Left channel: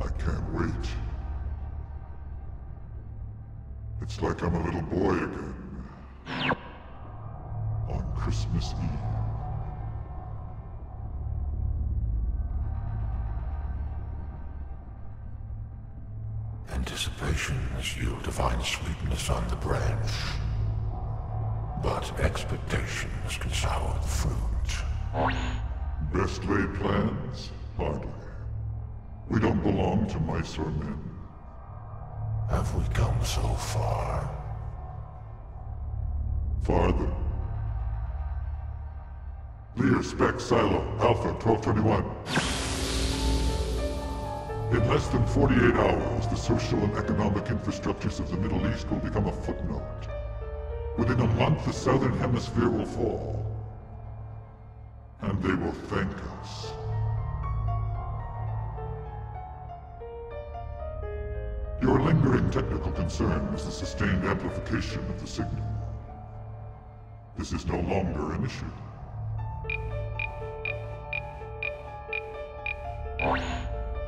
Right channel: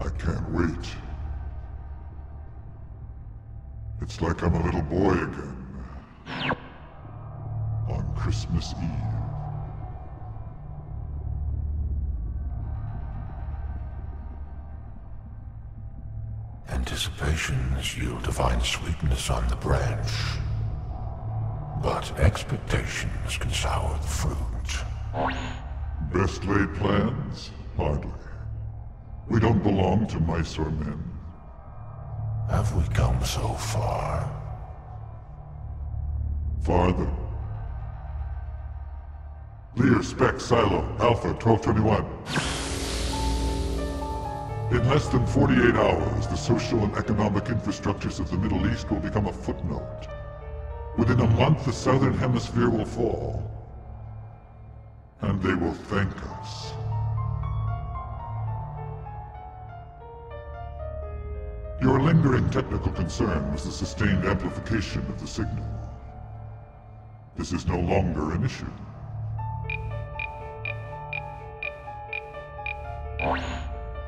I can't wait. It's like I'm a little boy again. On Christmas Eve. Anticipations yield divine sweetness on the branch, but expectations can sour the fruit. Best laid plans? Hardly. We don't belong to mice or men. Have we come so far? Farther. Lear Spec Silo Alpha 1221. In less than 48 hours, the social and economic infrastructures of the Middle East will become a footnote. Within a month, the Southern Hemisphere will fall. And they will thank us. Your lingering technical concern was the sustained amplification of the signal. This is no longer an issue.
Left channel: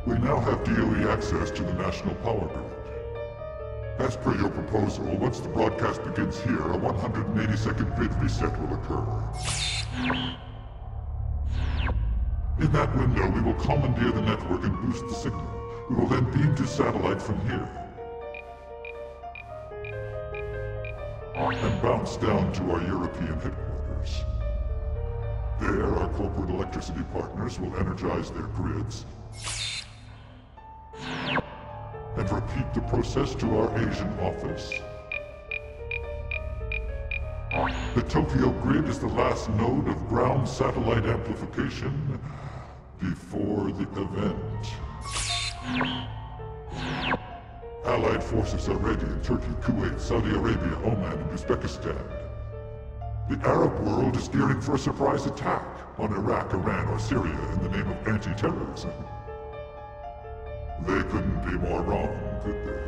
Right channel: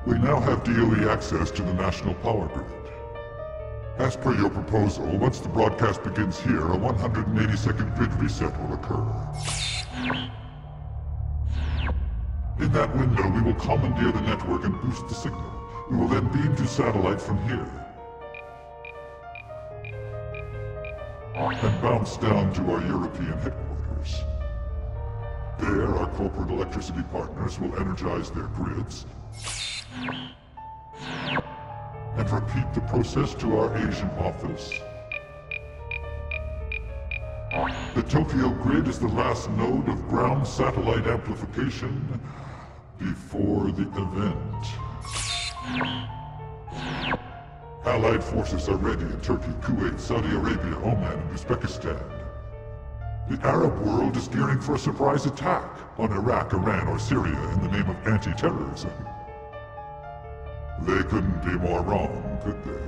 We now have DOE access to the national power grid. As per your proposal, once the broadcast begins here, a 180-second grid reset will occur. In that window, we will commandeer the network and boost the signal. We will then beam to satellite from here. And bounce down to our European headquarters. There, our corporate electricity partners will energize their grids. And repeat the process to our Asian office. The Tokyo grid is the last node of ground satellite amplification before the event. Allied forces are ready in Turkey, Kuwait, Saudi Arabia, Oman, and Uzbekistan. The Arab world is gearing for a surprise attack on Iraq, Iran, or Syria in the name of anti-terrorism. They couldn't be more wrong, could they?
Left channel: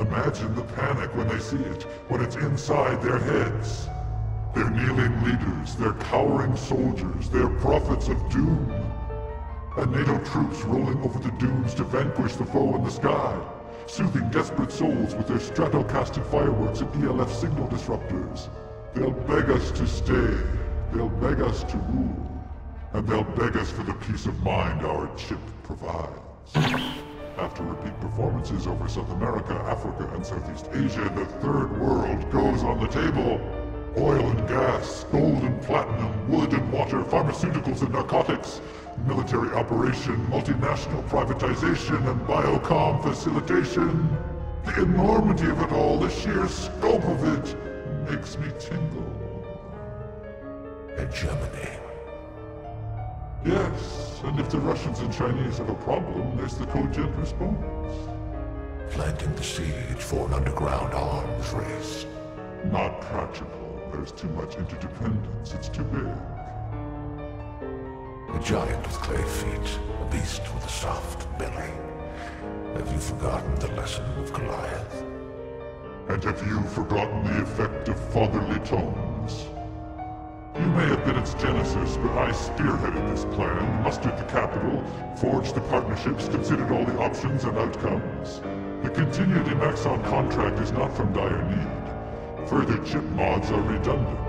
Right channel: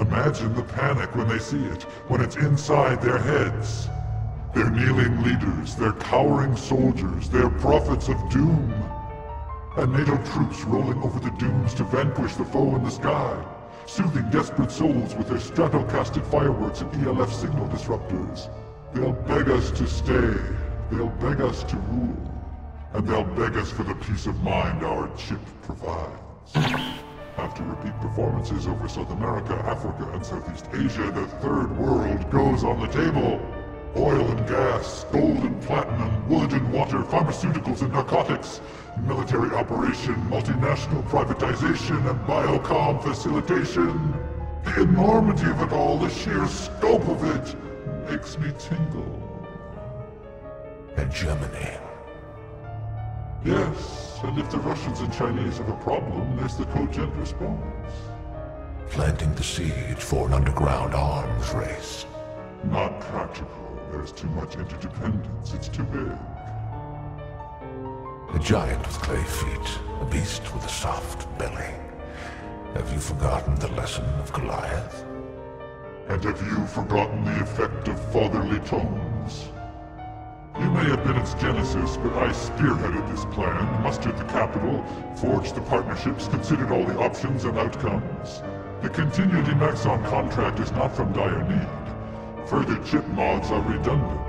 Imagine the panic when they see it, when it's inside their heads. Their kneeling leaders, their cowering soldiers, their prophets of doom. And NATO troops rolling over the dunes to vanquish the foe in the sky, soothing desperate souls with their stratocasted fireworks and ELF signal disruptors. They'll beg us to stay, they'll beg us to rule, and they'll beg us for the peace of mind our chip provides. After repeat performances over South America, Africa, and Southeast Asia, the third world goes on the table. Oil and gas, gold and platinum, wood and water, pharmaceuticals and narcotics, military operation, multinational privatization, and biocom facilitation. The enormity of it all, the sheer scope of it, makes me tingle. Hegemony. Yes, and if the Russians and Chinese have a problem, there's the cogent response. Planting the siege for an underground arms race. Not practical. There's too much interdependence. It's too big. A giant with clay feet, a beast with a soft belly. Have you forgotten the lesson of Goliath? And have you forgotten the effect of fatherly tones? You may have been its genesis, but I spearheaded this plan, mustered the capital, forged the partnerships, considered all the options and outcomes. The continued Emaxon contract is not from dire need. Further chip mods are redundant.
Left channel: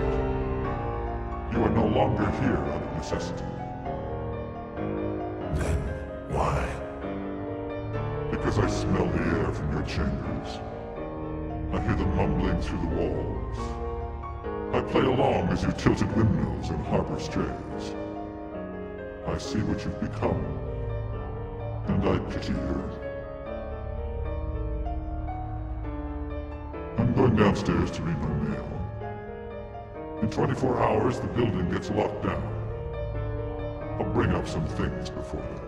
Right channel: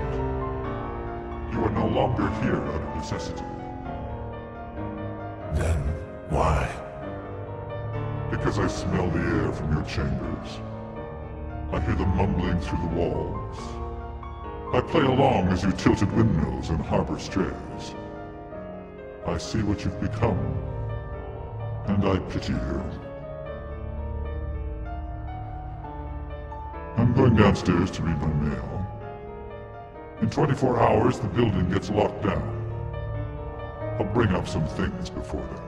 You are no longer here out of necessity. Then why? Because I smell the air from your chambers. I hear the mumbling through the walls. I play along as you tilted windmills and harbor strays. I see what you've become, and I pity you. I'm going downstairs to read my mail. In 24 hours, the building gets locked down. I'll bring up some things before then.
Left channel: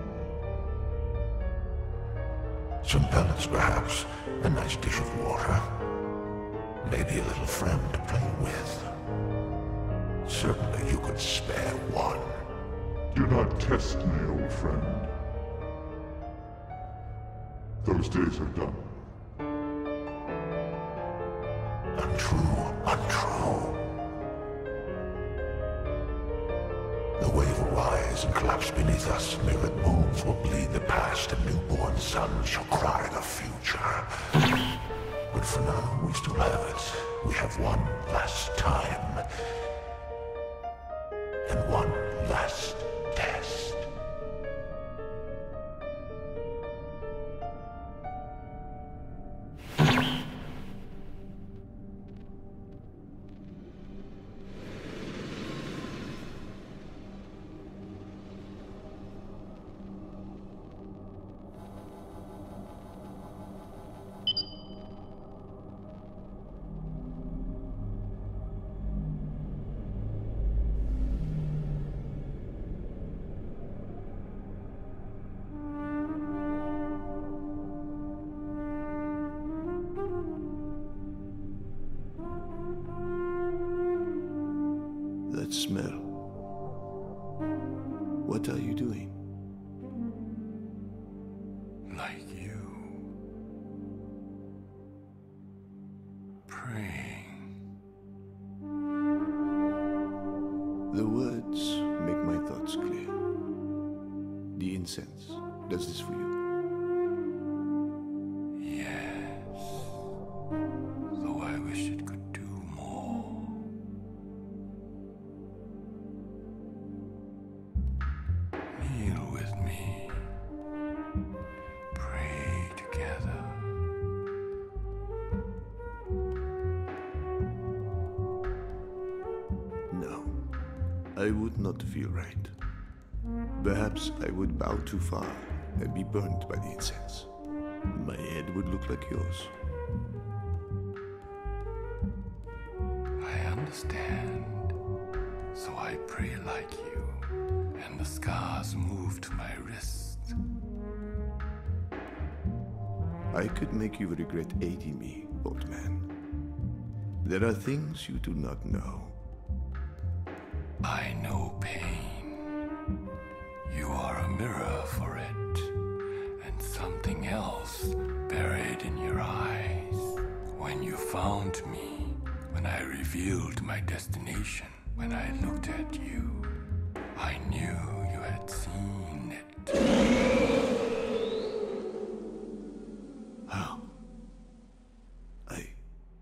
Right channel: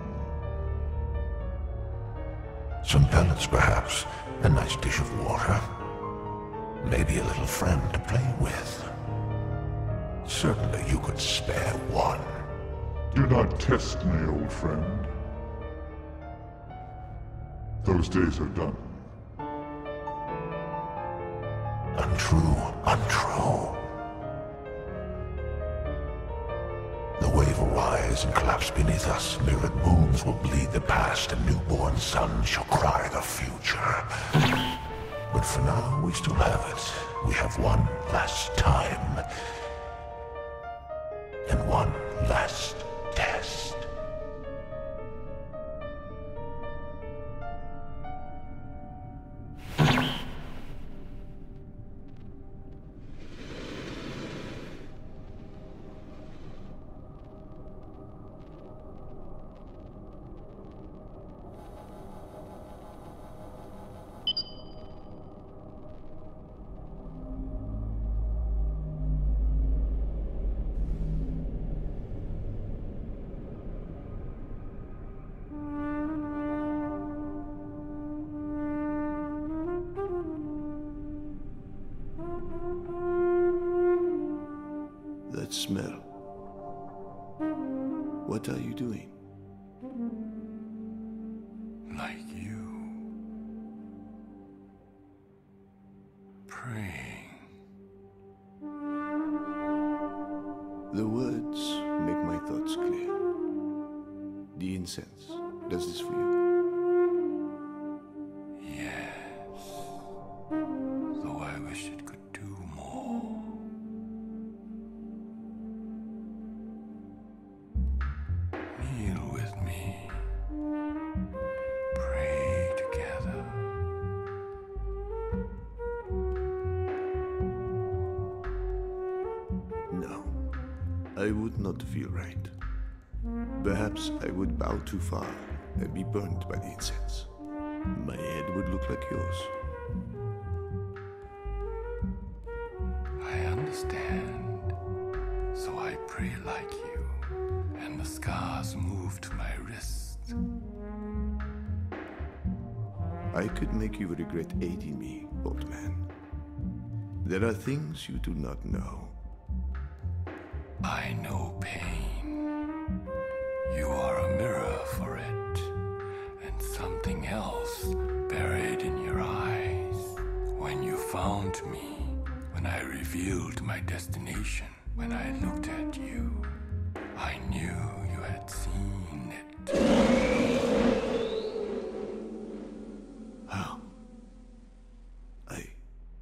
Some pellets, perhaps. A nice dish of water. Maybe a little friend to play with. Certainly you could spare one. Do not test me, old friend. Those days are done. Untrue, untrue. The wave will rise and collapse beneath us. Mirrored moons will bleed the past, and newborn suns shall cry the future. But for now, we still have it. We have one last time. And one last test. That smell. What are you doing? Like you. Praying. The words make my thoughts clear. The incense does this for you. Yes. Though I wish it could do more. Kneel with me. Pray together. No, I would not feel right. Perhaps I would bow too far and be burned by the incense. My head would look like yours. I understand. So I pray like you, and the scars move to my wrists. I could make you regret aiding me, old man. There are things you do not know. I know pain. You are a mirror for it, and something else buried in your eyes. When you found me, when I revealed my destination, when I looked at you, I knew you had seen it. How?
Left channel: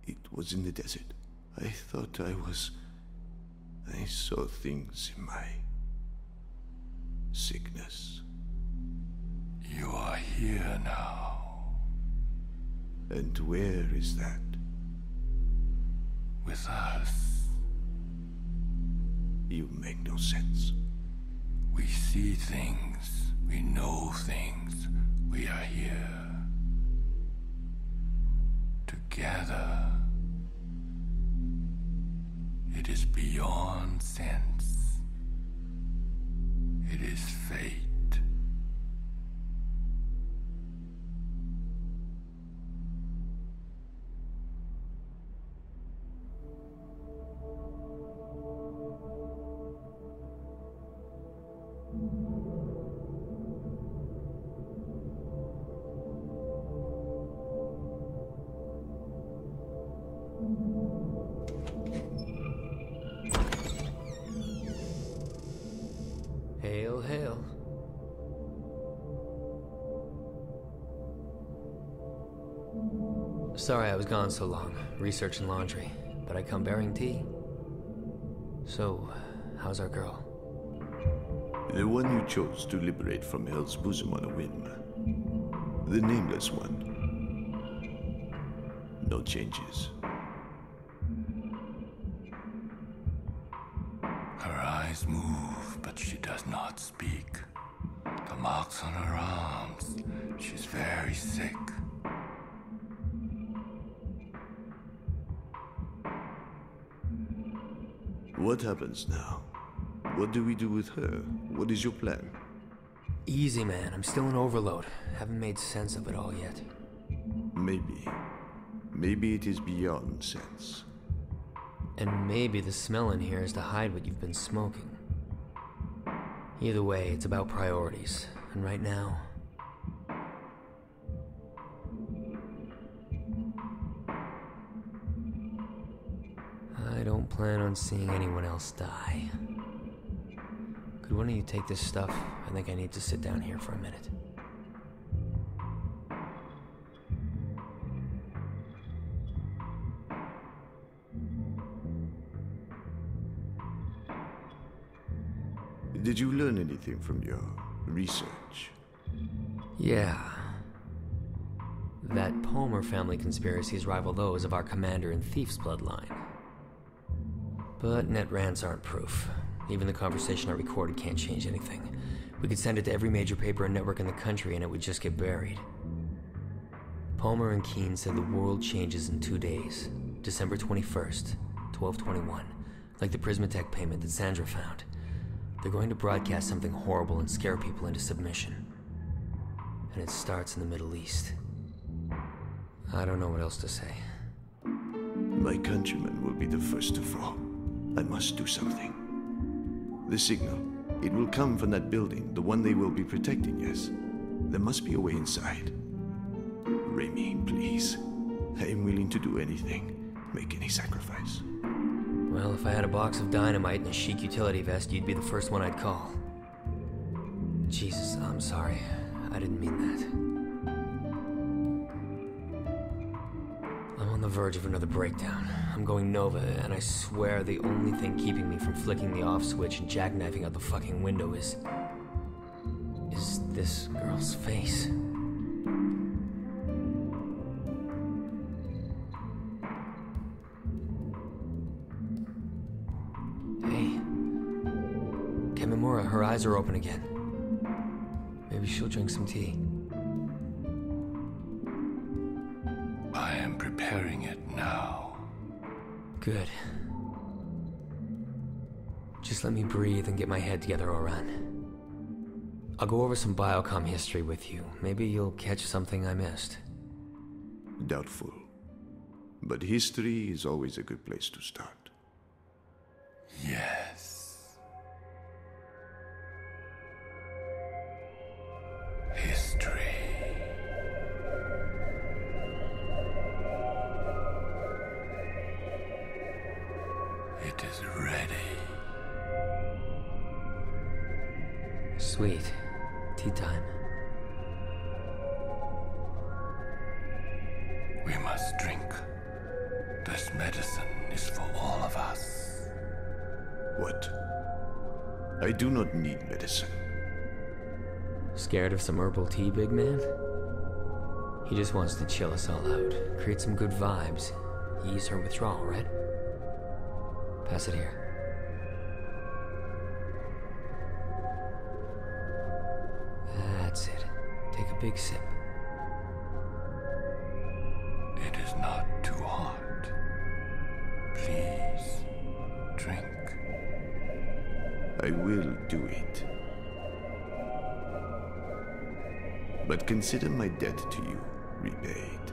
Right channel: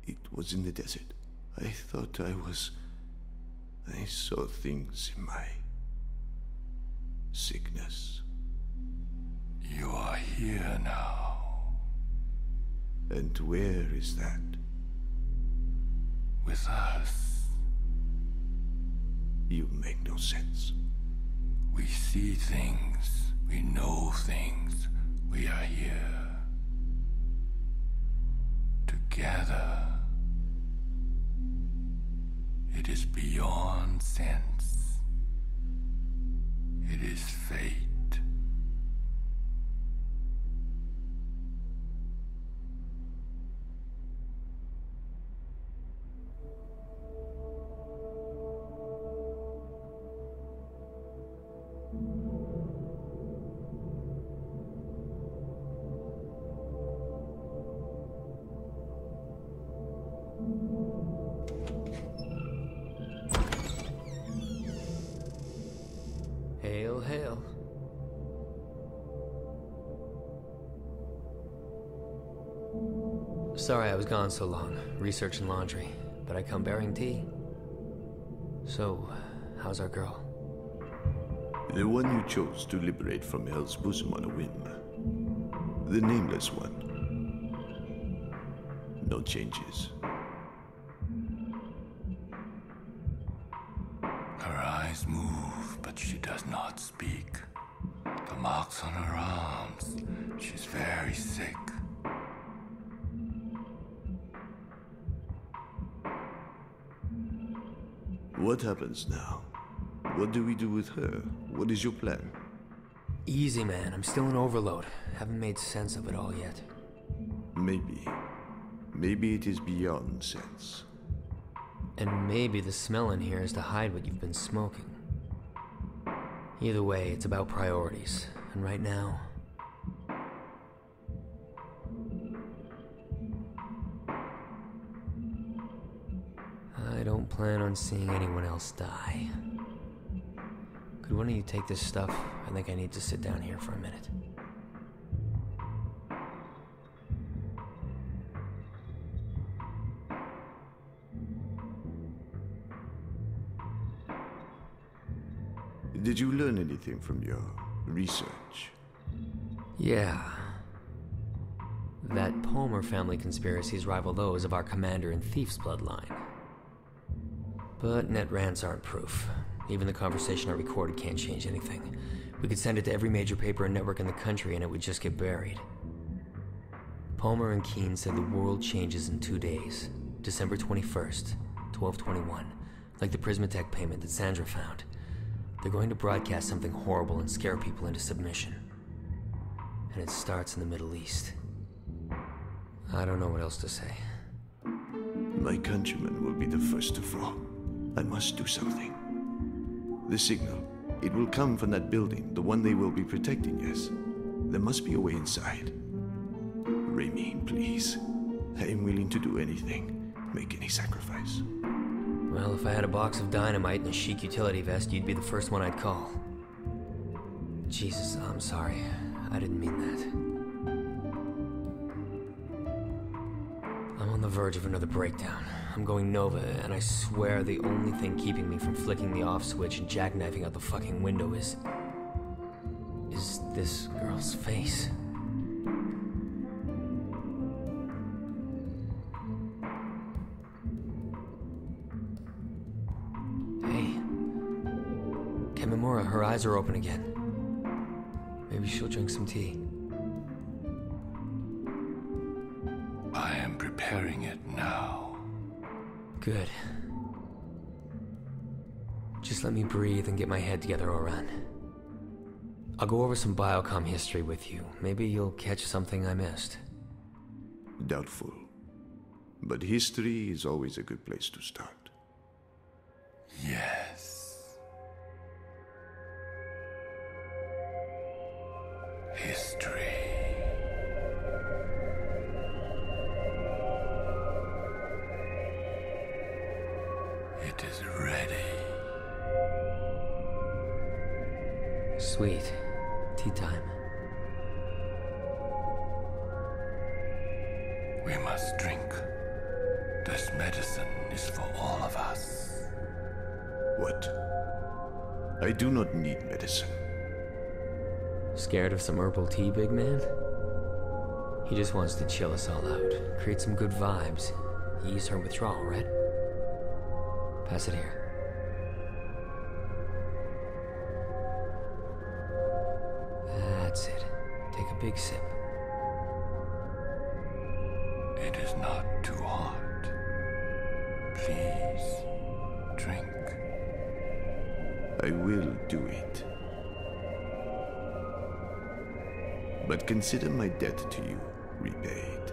It was in the desert. I thought I saw things in my sickness. You are here now. And where is that? With us. You make no sense. We see things. We know things. We are here. Together. It is beyond sense. It is fate. Hail, hail. Sorry I was gone so long, researching laundry, but I come bearing tea. So, how's our girl? The one you chose to liberate from Hell's bosom on a whim. The nameless one. No changes. Her eyes move, but she does not speak. The marks on her arms. She's very sick. What happens now? What do we do with her? What is your plan? Easy, man. I'm still in overload. Haven't made sense of it all yet. Maybe. Maybe it is beyond sense. And maybe the smell in here is to hide what you've been smoking. Either way, it's about priorities. And right now... I don't plan on seeing anyone else die. Could one of you take this stuff? I think I need to sit down here for a minute. Did you learn anything from your research? Yeah. That Palmer family conspiracies rival those of our commander and thief's bloodline. But net rants aren't proof. Even the conversation I recorded can't change anything. We could send it to every major paper and network in the country and it would just get buried. Palmer and Keene said the world changes in 2 days. December 21st, 12/21. Like the Prismatech payment that Sandra found. They're going to broadcast something horrible and scare people into submission. And it starts in the Middle East. I don't know what else to say. My countrymen will be the first to fall. I must do something. The signal. It will come from that building, the one they will be protecting, yes. There must be a way inside. Raimi, please. I am willing to do anything. Make any sacrifice. Well, if I had a box of dynamite and a chic utility vest, you'd be the first one I'd call. Jesus, I'm sorry. I didn't mean that. I'm on the verge of another breakdown. I'm going Nova, and I swear the only thing keeping me from flicking the off switch and jackknifing out the fucking window is this girl's face. Hey. Kamimura, her eyes are open again. Maybe she'll drink some tea. I am preparing it now. Good. Just let me breathe and get my head together, Oran. I'll go over some biocom history with you. Maybe you'll catch something I missed. Doubtful. But history is always a good place to start. Yes. History. It is ready. Sweet. Tea time. We must drink. This medicine is for all of us. What? I do not need medicine. Scared of some herbal tea, big man? He just wants to chill us all out. Create some good vibes. Ease her withdrawal, right? Pass it here. That's it. Take a big sip. It is not too hot. Please, drink. I will do it. But consider my debt to you repaid.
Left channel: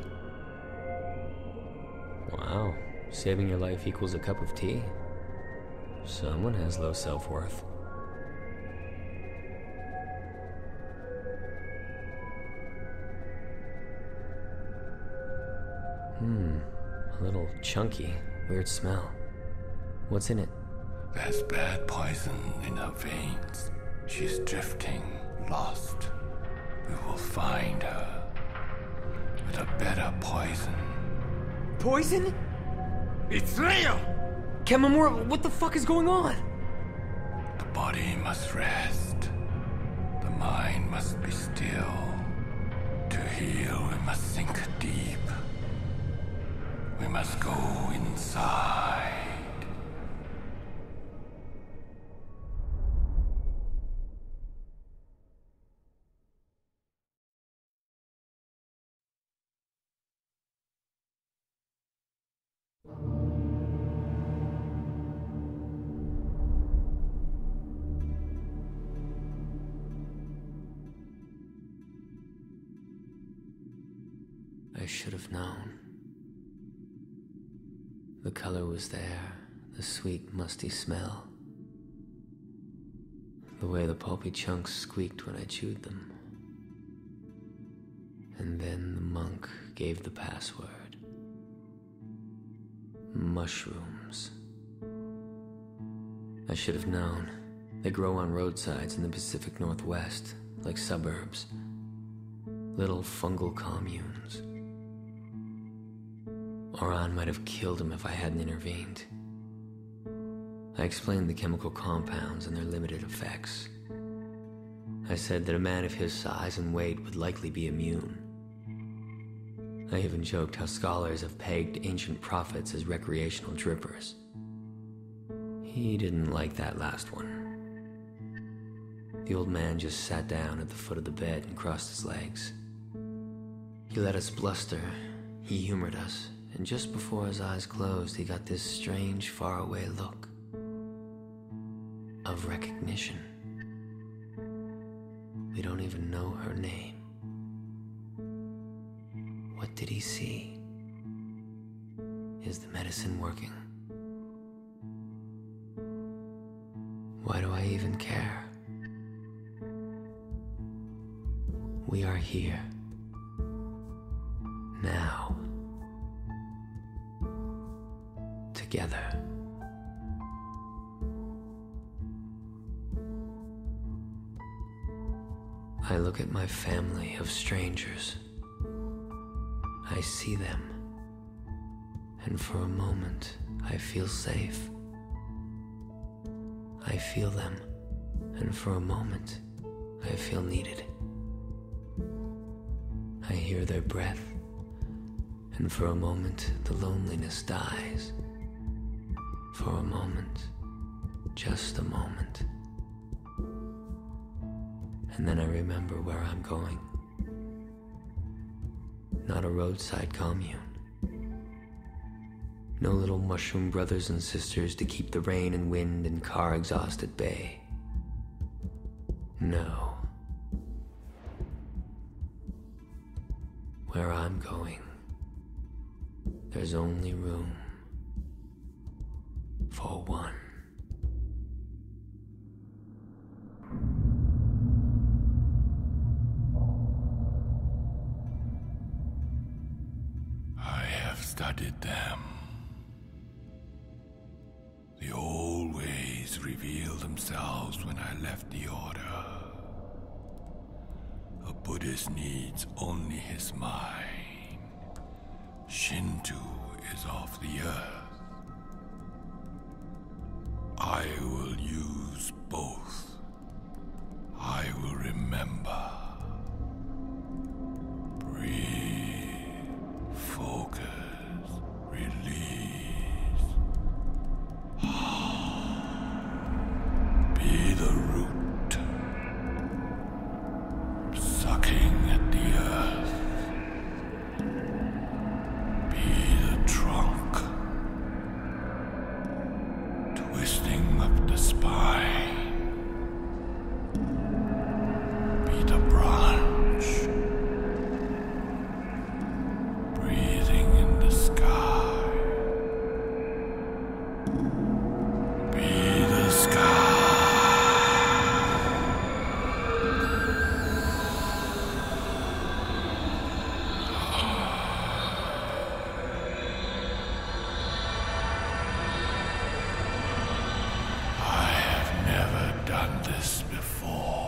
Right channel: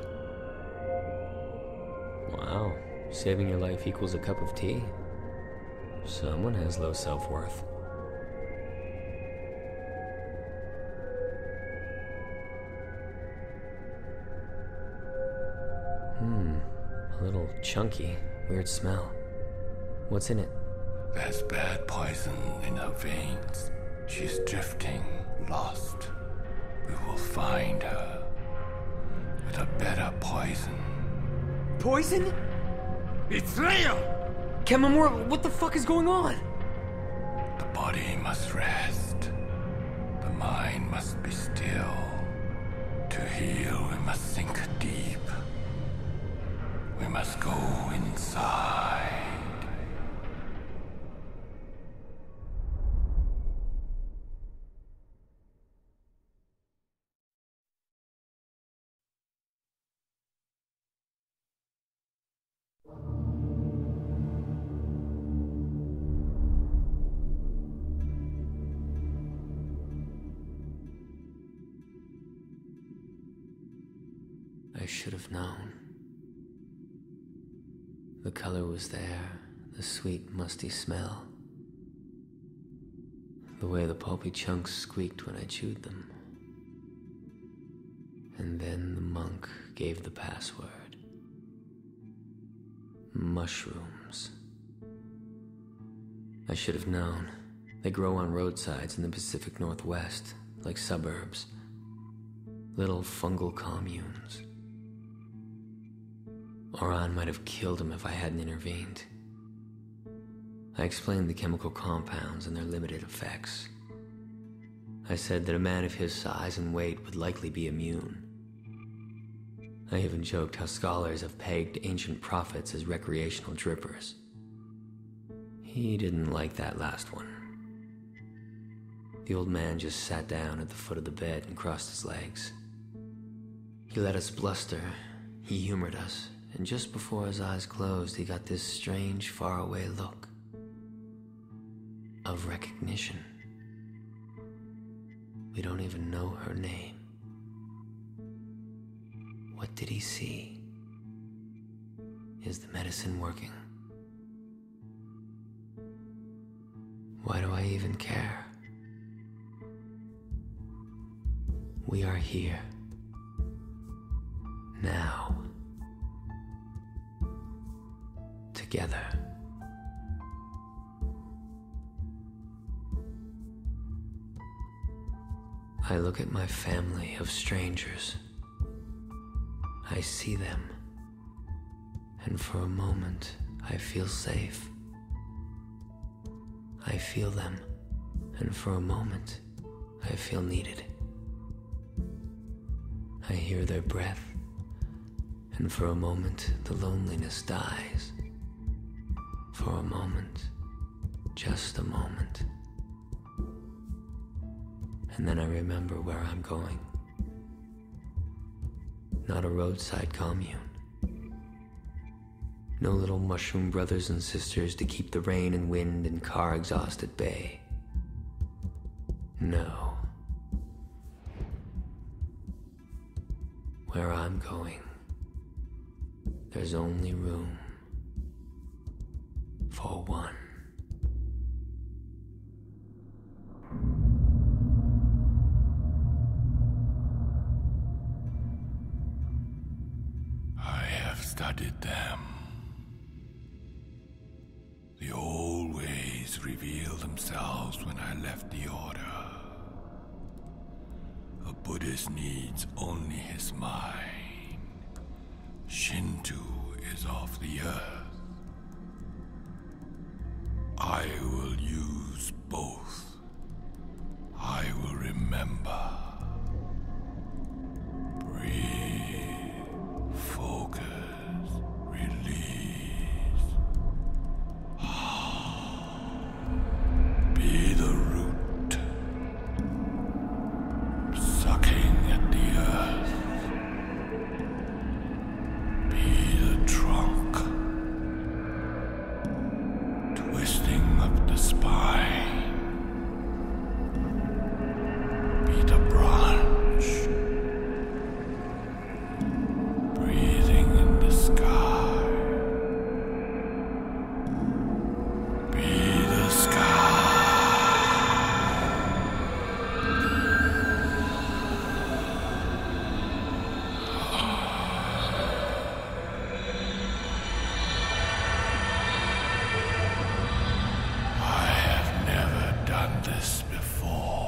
Wow. Saving your life equals a cup of tea? Someone has low self-worth. A little chunky. Weird smell. What's in it? There's bad poison in her veins. She's drifting, lost. We will find her with a better poison. Poison? It's real! Kamimura, what the fuck is going on? The body must rest. mind must be still. To heal, we must sink deep. We must go inside. I should have known. The color was there, the sweet, musty smell. The way the pulpy chunks squeaked when I chewed them. And then the monk gave the password. Mushrooms. I should have known. They grow on roadsides in the Pacific Northwest, like suburbs. Little fungal communes. Oran might have killed him if I hadn't intervened. I explained the chemical compounds and their limited effects. I said that a man of his size and weight would likely be immune. I even joked how scholars have pegged ancient prophets as recreational drippers. He didn't like that last one. The old man just sat down at the foot of the bed and crossed his legs. He let us bluster, he humored us, and just before his eyes closed, he got this strange, faraway look of recognition. We don't even know her name. What did he see? Is the medicine working? Why do I even care? We are here. Now. Together. I look at my family of strangers. I see them, and for a moment I feel safe. I feel them, and for a moment I feel needed. I hear their breath, and for a moment the loneliness dies. For a moment, just a moment. And then I remember where I'm going. Not a roadside commune. No little mushroom brothers and sisters to keep the rain and wind and car exhaust at bay. No. Where I'm going, there's only room for one. I have studied them. The old ways revealed themselves when I left the order. A Buddhist needs only his mind. Shinto is of the earth. I will use both. I will remember. Breathe, focus, release. Be the root, sucking at the earth. Be the trunk, twisting up the spine. Be the branch, breathing in the sky. Be the sky. I have never done this before.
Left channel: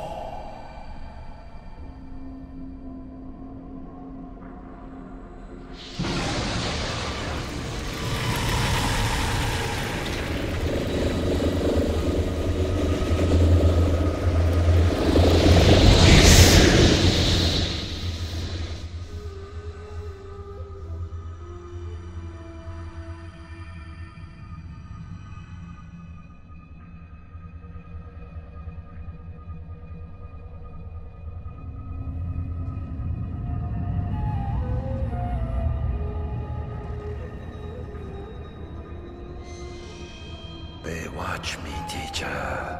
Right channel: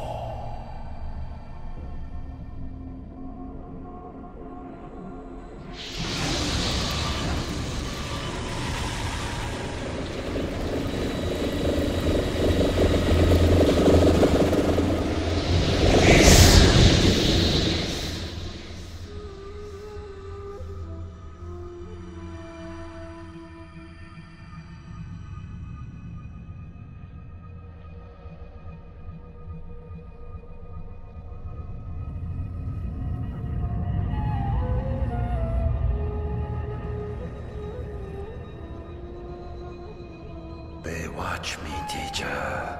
They watch me, teacher.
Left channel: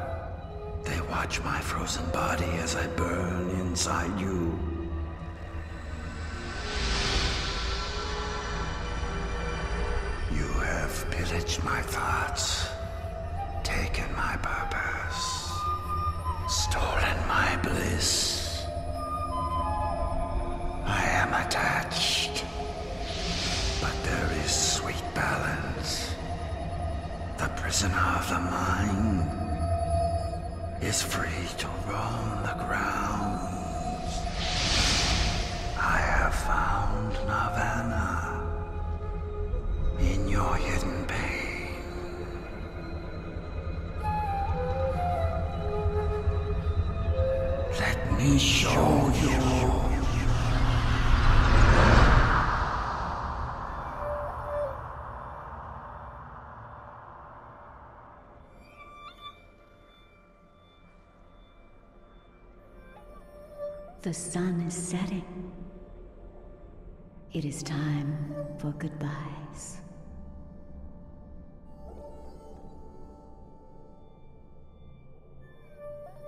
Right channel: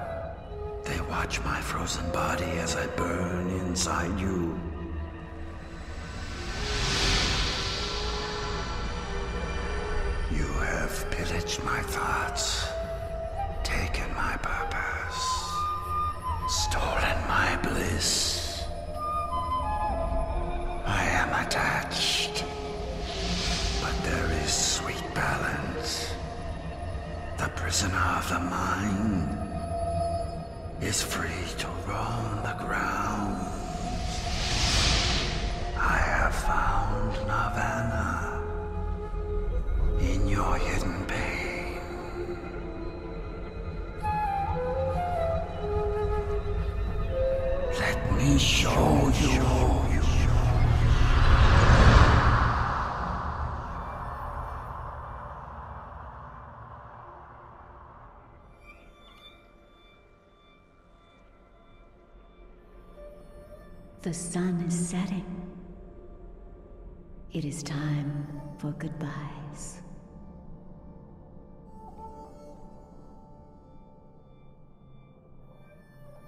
They watch my frozen body as I burn inside you. You have pillaged my thoughts, taken my purpose, stolen my bliss. I am attached, but there is sweet balance. The prisoner of the mind is free to roam the grounds. I have found Nirvana in your hidden pain. Let me show you. The sun is setting. It is time for goodbyes.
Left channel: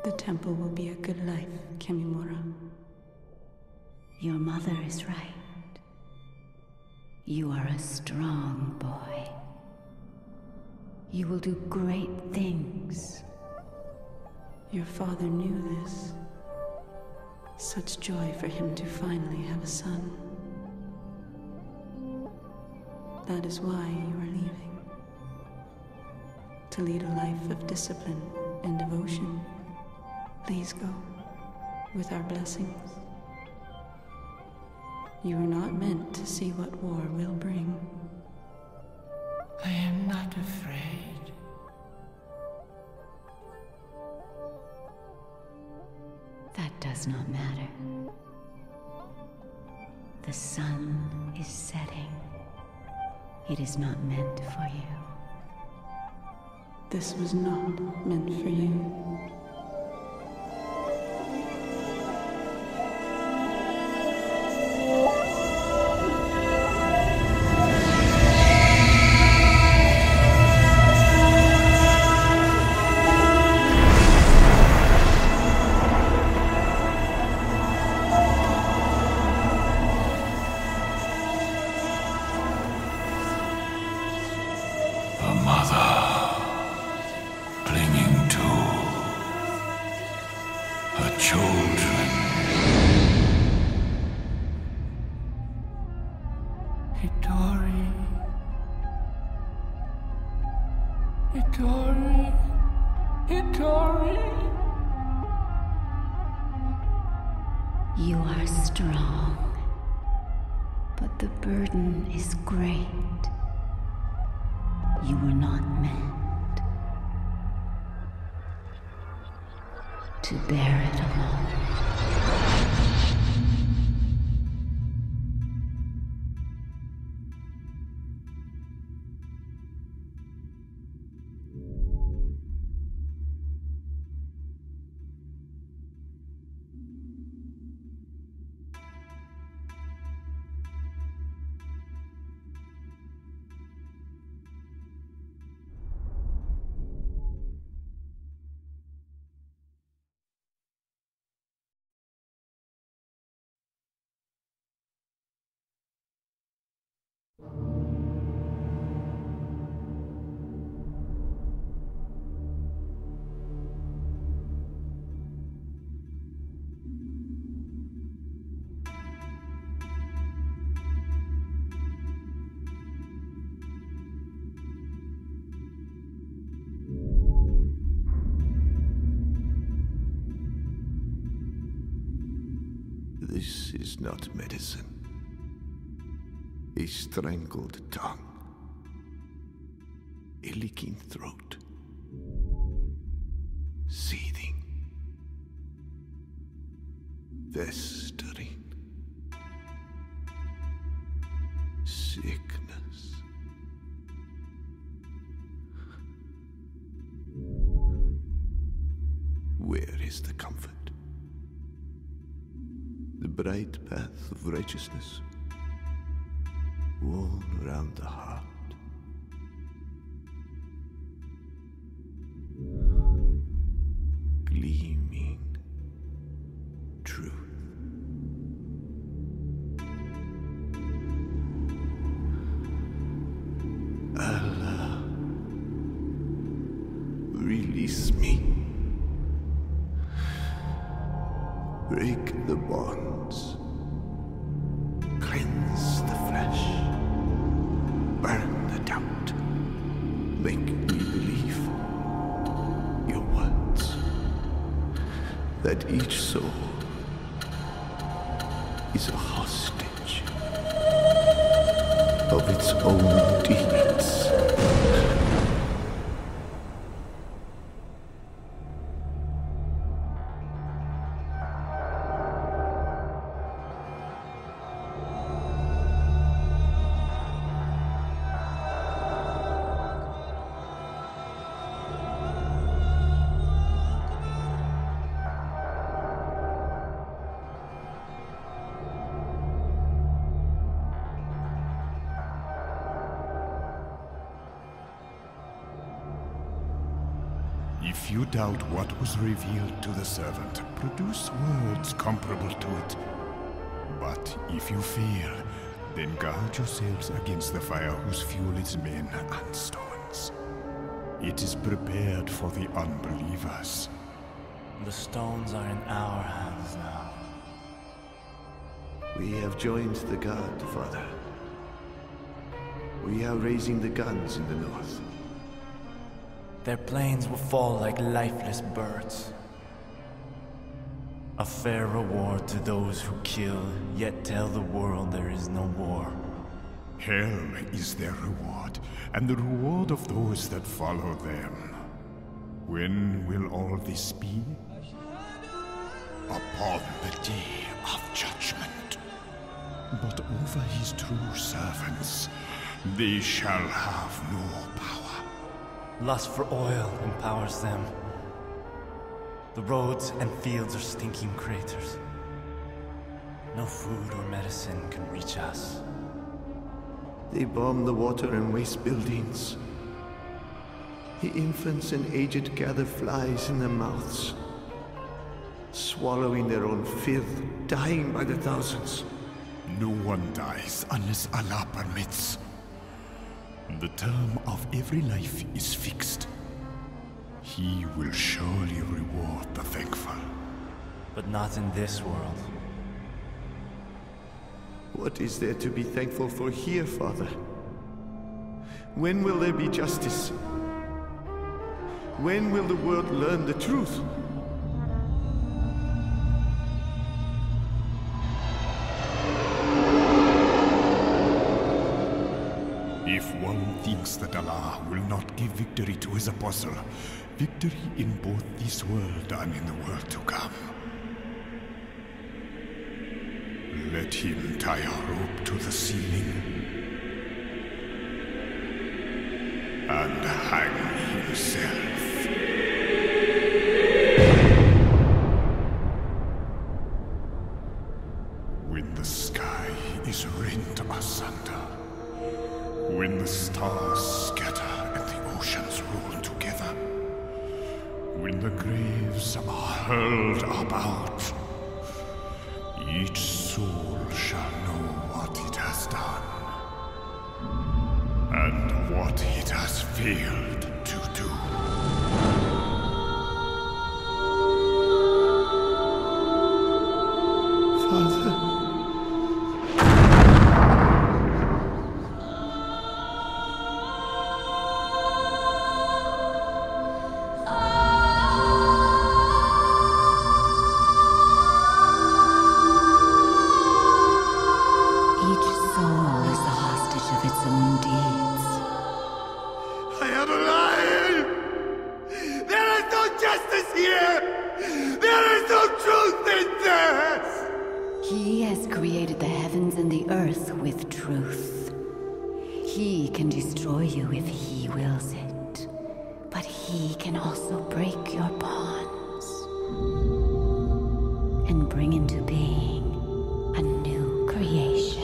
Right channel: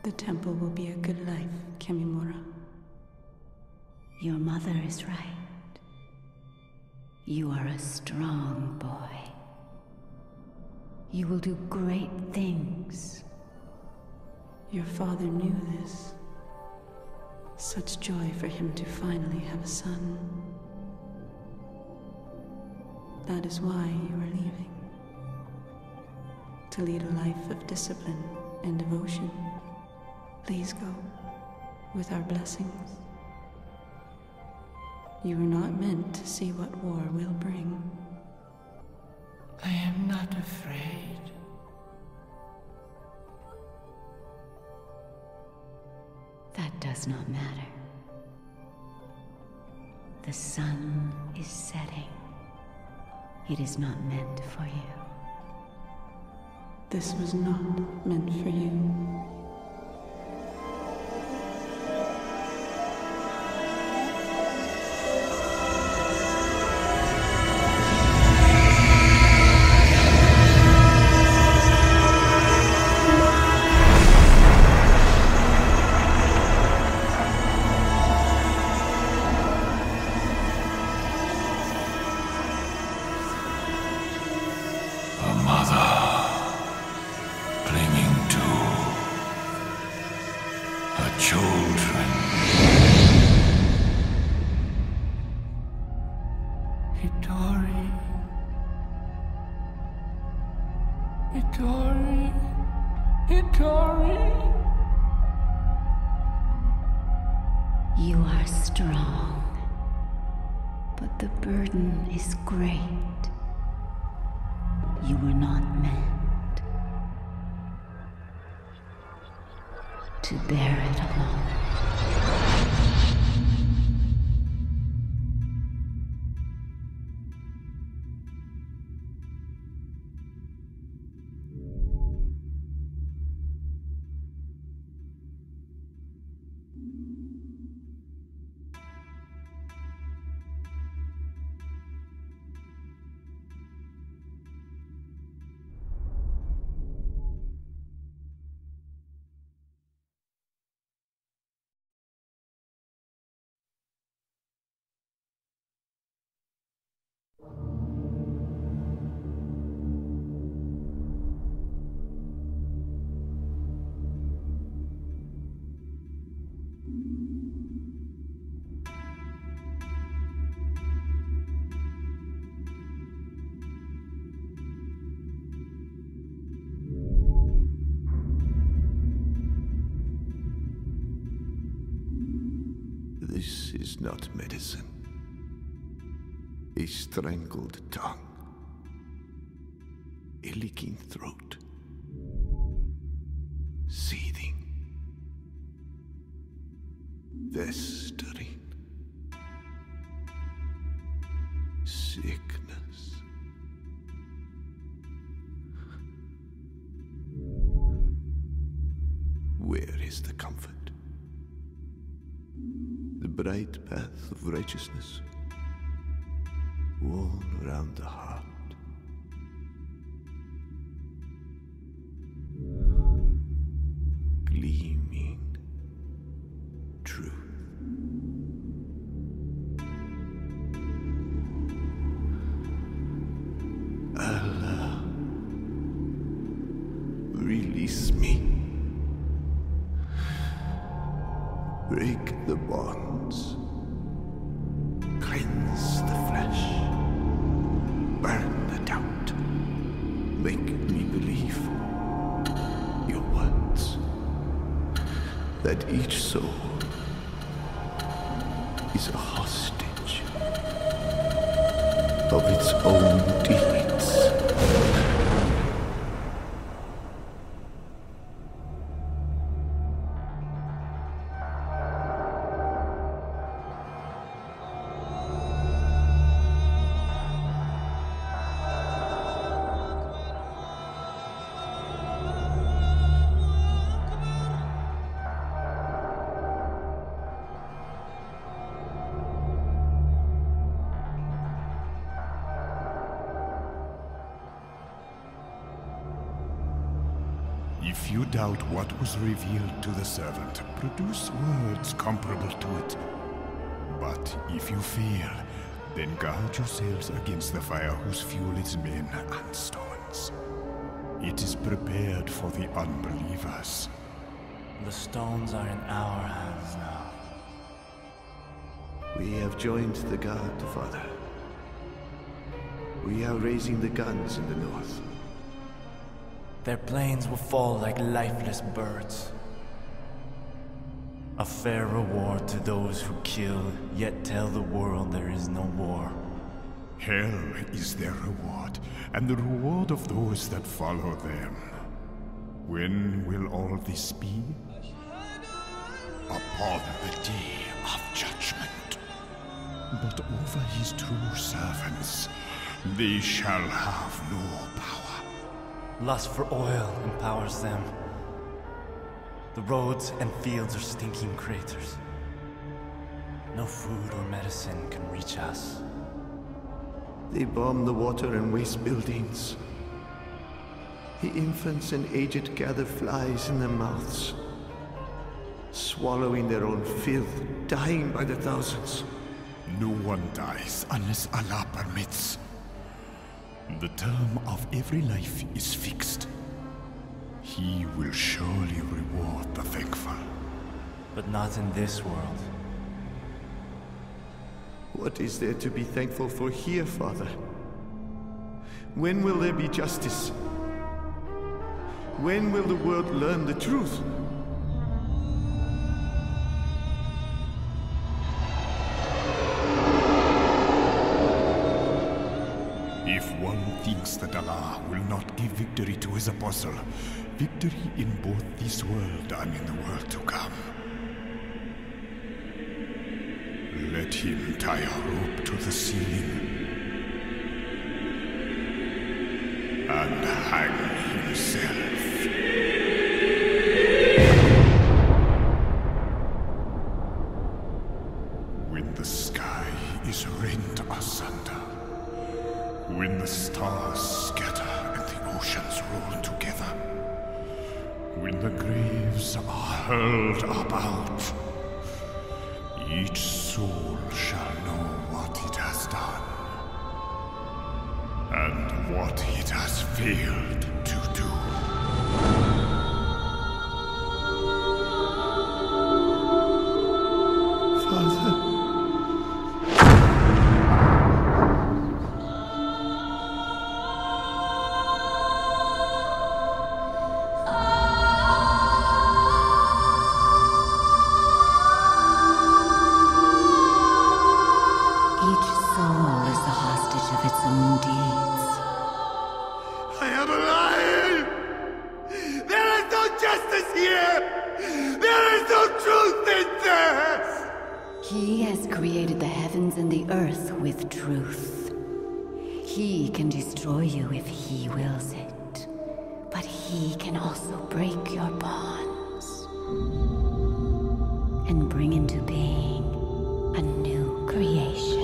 The temple will be a good life, Kamimura. Your mother is right. You are a strong boy. You will do great things. Your father knew this. Such joy for him to finally have a son. That is why you are leaving. To lead a life of discipline and devotion. Please go, with our blessings. You are not meant to see what war will bring. I am not afraid. That does not matter. The sun is setting. It is not meant for you. This was not meant for you. You are strong, but the burden is great. You were not meant to bear it alone. This is not medicine. A strangled tongue. A leaking throat. Seething. Festering. Sickness. Where is the comfort? The bright path of righteousness, worn around the heart. release me. Break the bonds. Cleanse the flesh. Burn the doubt. Make me believe your words. That each soul is a hostage of its own deeds. If you doubt what was revealed to the servant, produce words comparable to it. But if you fail, then guard yourselves against the fire whose fuel is men and stones. It is prepared for the unbelievers. The stones are in our hands now. We have joined the guard, Father. We are raising the guns in the north. Their planes will fall like lifeless birds. A fair reward to those who kill, yet tell the world there is no war. Hell is their reward, and the reward of those that follow them. When will all this be? Upon the day of judgment. But over his true servants, they shall have no power. Lust for oil empowers them. The roads and fields are stinking craters. No food or medicine can reach us. They bomb the water and waste buildings. The infants and aged gather flies in their mouths, swallowing their own filth, dying by the thousands. No one dies unless Allah permits. The term of every life is fixed. He will surely reward the thankful. But not in this world. What is there to be thankful for here, Father? When will there be justice? When will the world learn the truth? If one thinks that Allah will not give victory to his apostle, victory in both this world and in the world to come, let him tie a rope to the ceiling and hang himself. When the sky is rent asunder, when the stars scatter and the oceans roll together, when the graves are hurled about, each soul shall know what it has done and what it has failed to do. Father. Of its own deeds. I am lying! There is no justice here! There is no truth in this! He has created the heavens and the earth with truth. He can destroy you if he wills it, but he can also break your bonds and bring into being a new creation.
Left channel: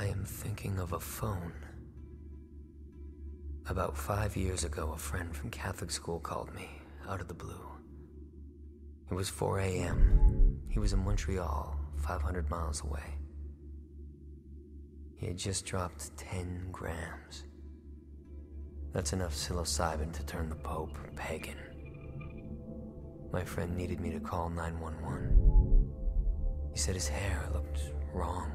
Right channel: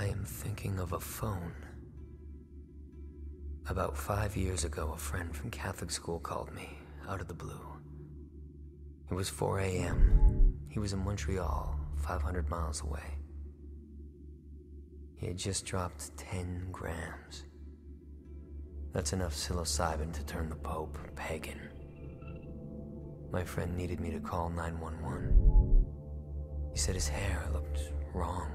I am thinking of a phone. About 5 years ago, a friend from Catholic school called me, out of the blue. It was 4 a.m. He was in Montreal, 500 miles away. He had just dropped 10 grams. That's enough psilocybin to turn the Pope pagan. My friend needed me to call 911. He said his hair looked wrong.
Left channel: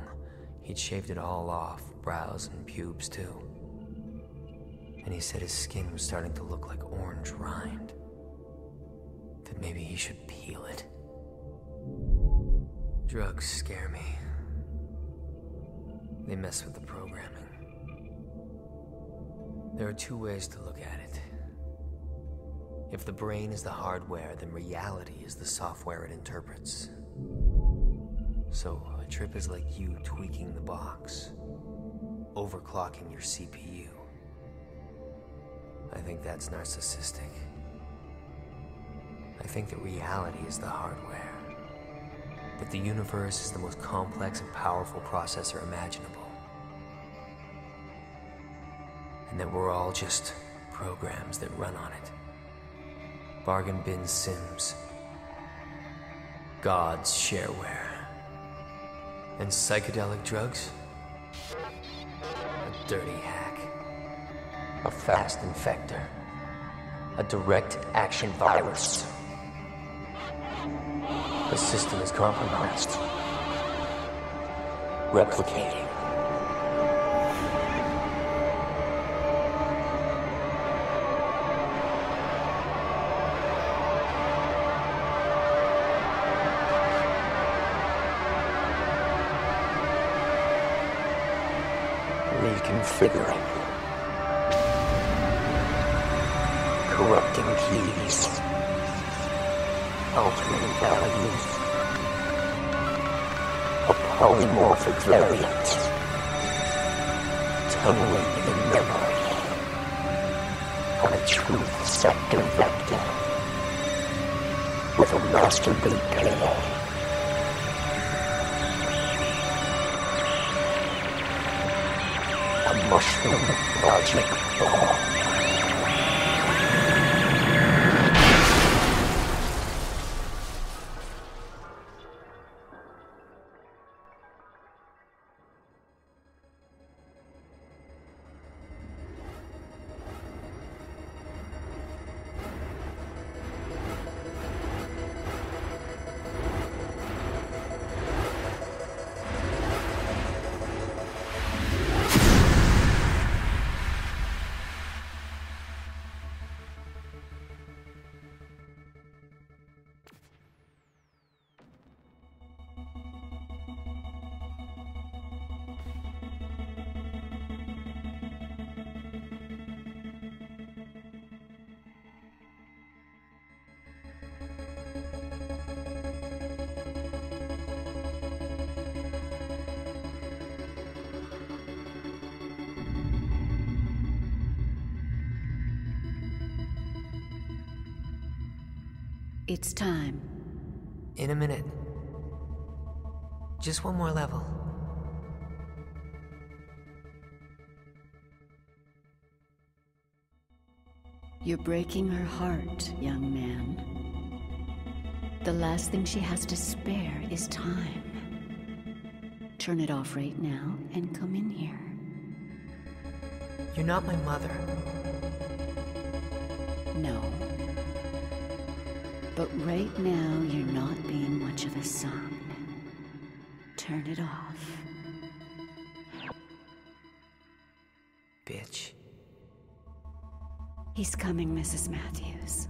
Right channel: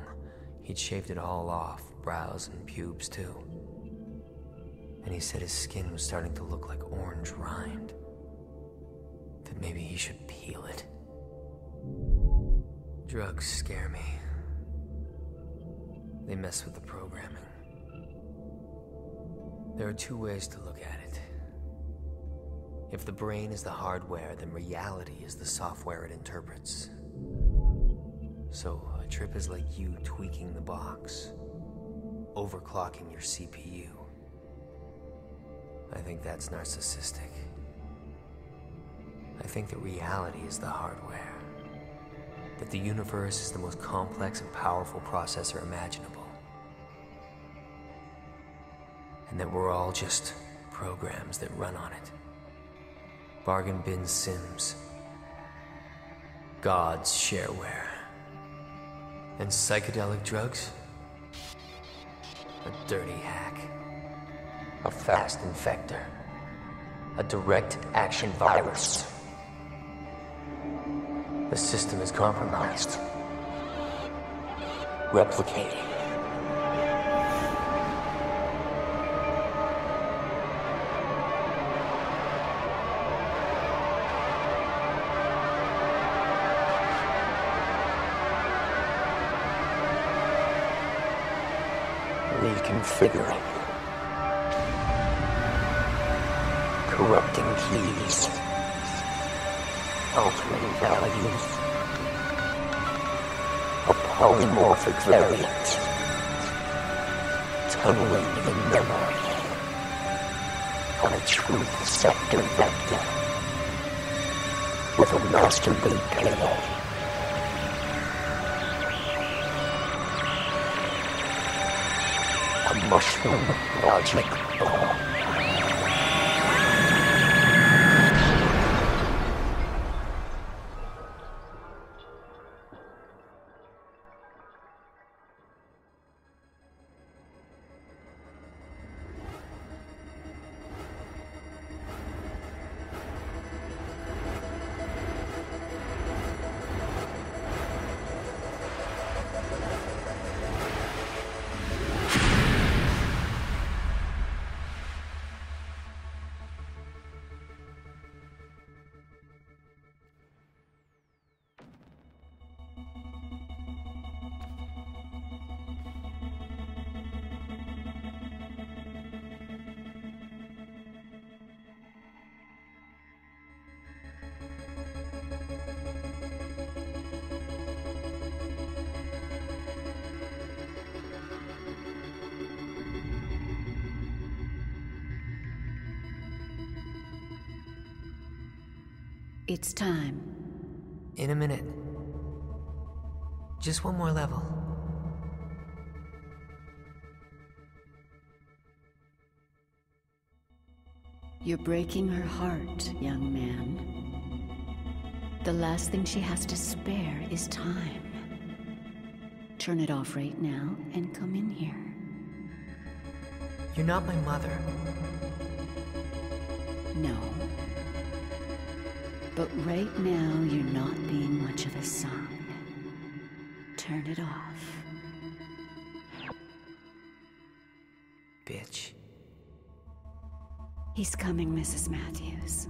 He'd shaved it all off, brows and pubes too. And he said his skin was starting to look like orange rind. That maybe he should peel it. Drugs scare me. They mess with the programming. There are two ways to look at it. If the brain is the hardware, then reality is the software it interprets. So a trip is like you tweaking the box, overclocking your CPU. I think that's narcissistic. I think that reality is the hardware. That the universe is the most complex and powerful processor imaginable. And that we're all just programs that run on it. Bargain bin sims. God's shareware. And psychedelic drugs? A dirty hack. A fast infector. A direct action virus. The system is compromised. Replicating. Reconfiguring. Corrupting keys. Altering values. A polymorphic variant. Tunneling the memory. On a truth sector vector. With a master boot payload. A mushroom logic bomb. It's time. In a minute. Just one more level. You're breaking her heart, young man. The last thing she has to spare is time. Turn it off right now and come in here. You're not my mother. No. But right now, you're not being much of a son. Turn it off. Bitch. He's coming, Mrs. Matthews.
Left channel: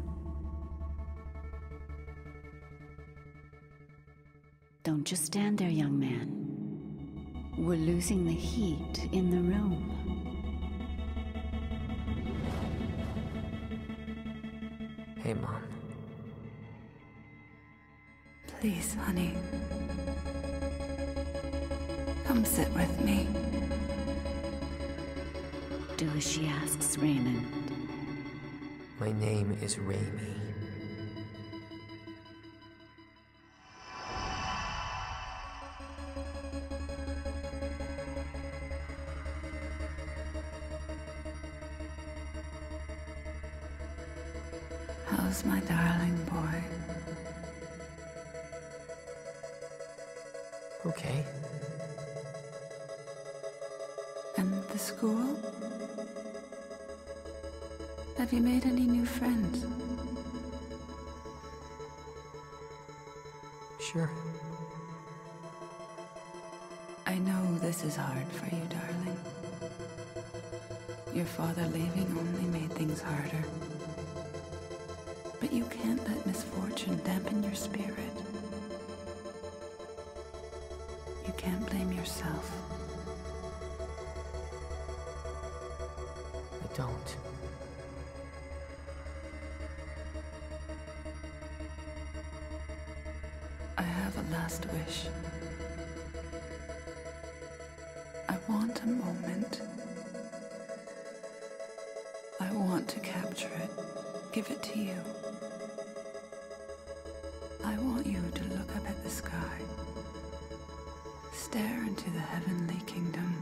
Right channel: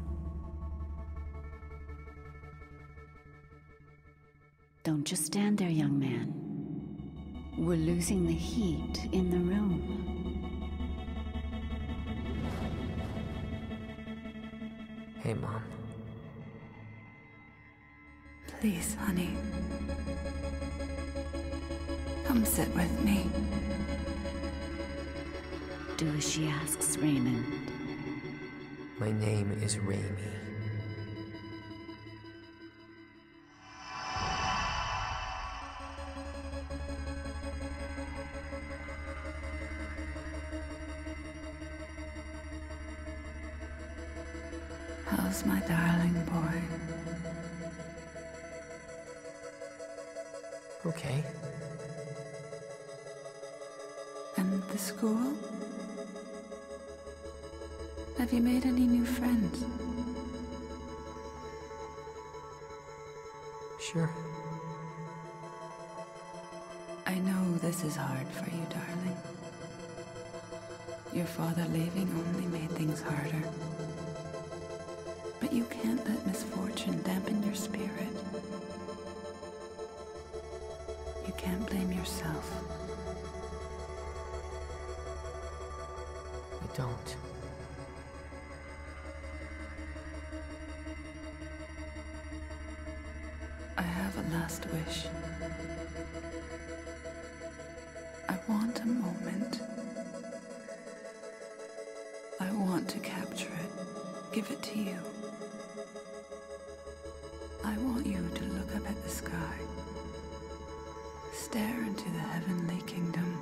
Don't just stand there, young man. We're losing the heat in the room. Hey, Mom. Please, honey. Come sit with me. Do as she asks, Raymond. My name is Raimi. How's my darling boy? Okay. And the school? Have you made any new friends? Sure. I know this is hard for you, darling. Your father leaving only made things harder. But you can't let misfortune dampen your spirit. You can't blame yourself. I don't. I have a last wish. I want a moment. I want to capture it, give it to you. I want you to look up at the sky, stare into the heavenly kingdom,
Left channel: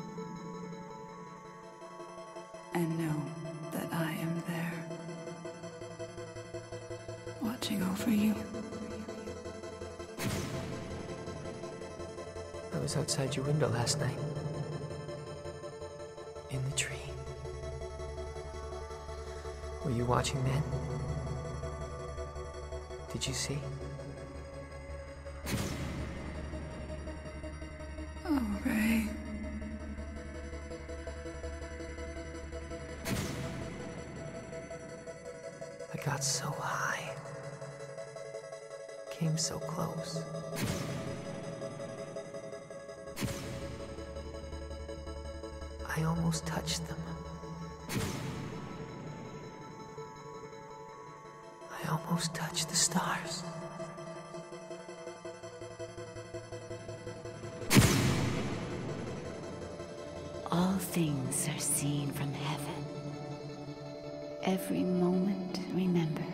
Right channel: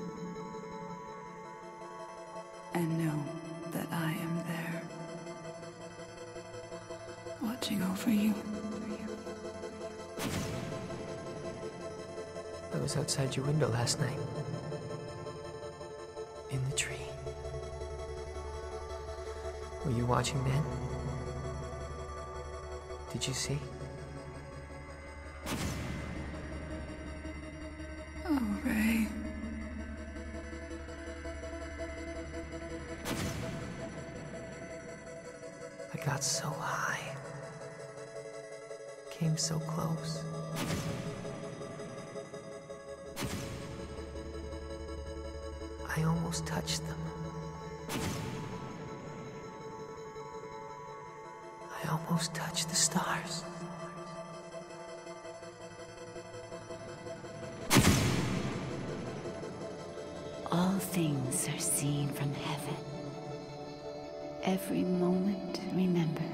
and know that I am there, watching over you. I was outside your window last night. In the tree. Were you watching then? Did you see? Oh, Ray. I got so high. Came so close. I almost touched them. I almost touched the stars. All things are seen from heaven. Every moment remembered.